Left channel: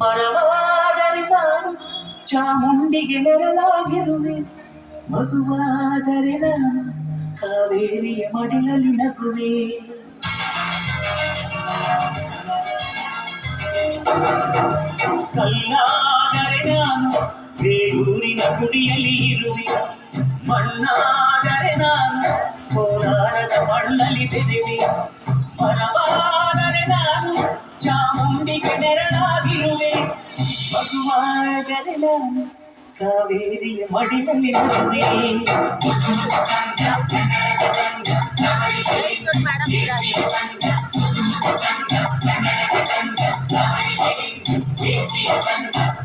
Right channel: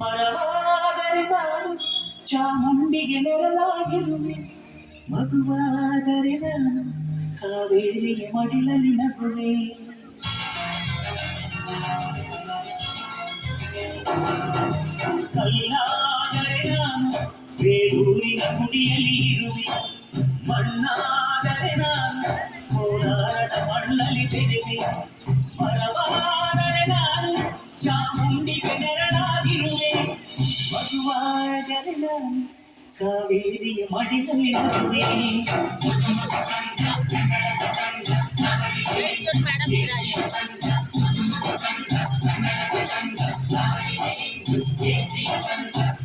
ಮರವಾದರೆ ನಾನು ಚಾಮುಂಡಿಗೆ ನೆರಳಾಗಿರುವೆ, ಮಗುವಾದರೆ ನಾನು ಕಾವೇರಿಯ ಮಡಿಲಲ್ಲಿ ನಗುವೆ. ಕಲ್ಲಾದರೆ ನಾನು ಬೇಲೂರಿನ ಗುಡಿಯಲ್ಲಿ ಇರುವೆ, ಮಣ್ಣಾದರೆ ನಾನು ಕೋಲಾರದ ಮಣ್ಣಲ್ಲಿ ಬೆರೆವೆ. ಮರವಾದರೆ ನಾನು ಚಾಮುಂಡಿಗೆ ನೆರಳಾಗಿರುವೆ, ಮಗುವಾದರೆ ನಾನು ಕಾವೇರಿಯ ಮಡಿಲಲ್ಲಿ ನಗುವೆ.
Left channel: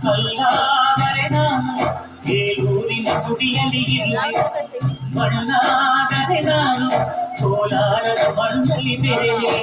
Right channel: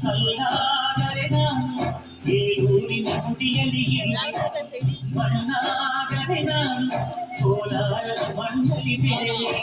ಕಲ್ಲಾದರೆ ನಾನು ಬೇಲೂರಿನ ಗುಡಿಯಲ್ಲಿ ಇರುವೆ, ಮಣ್ಣಾದರೆ ನಾನು ಕೋಲಾರದ ಮಣ್ಣಲ್ಲಿ ಬೆರೆವೆ.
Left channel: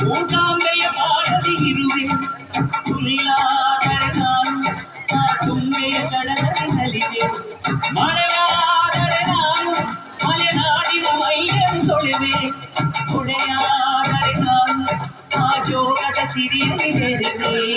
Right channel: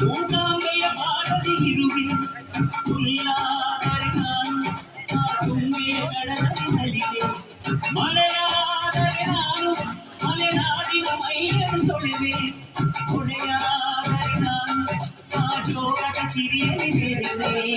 ಮೂಕಾಂಬೆಯ ಬಾಳದಿ ಇರುವೆ, ಹುಲ್ಲಾದರೆ ನಾನು ಆ ತುಂಬೆಯ ದಡದಲ್ಲಿ ನಲಿವೆ. ಮಳೆಯಾದರೆ ನಾನು ಮಲೆನಾಡಿನ ಮೈಯನ್ನು ತೊಳೆವೆ, ಹೊಳೆಯಾದರೆ ನಾನು ಆ ಜೋಗದ ಸಿರಿಯಲ್ಲಿ ಬೆರೆವೆ.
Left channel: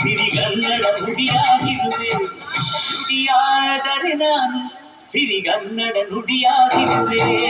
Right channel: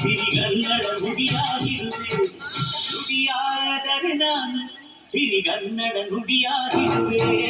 ಸಿರಿಗನ್ನಡ ನುಡಿಯಾಗಿರುವೆ, ನುಡಿಯಾದರೆ ನಾನು ಸಿರಿಗನ್ನಡ ನುಡಿಯಾಗಿರುವೆ.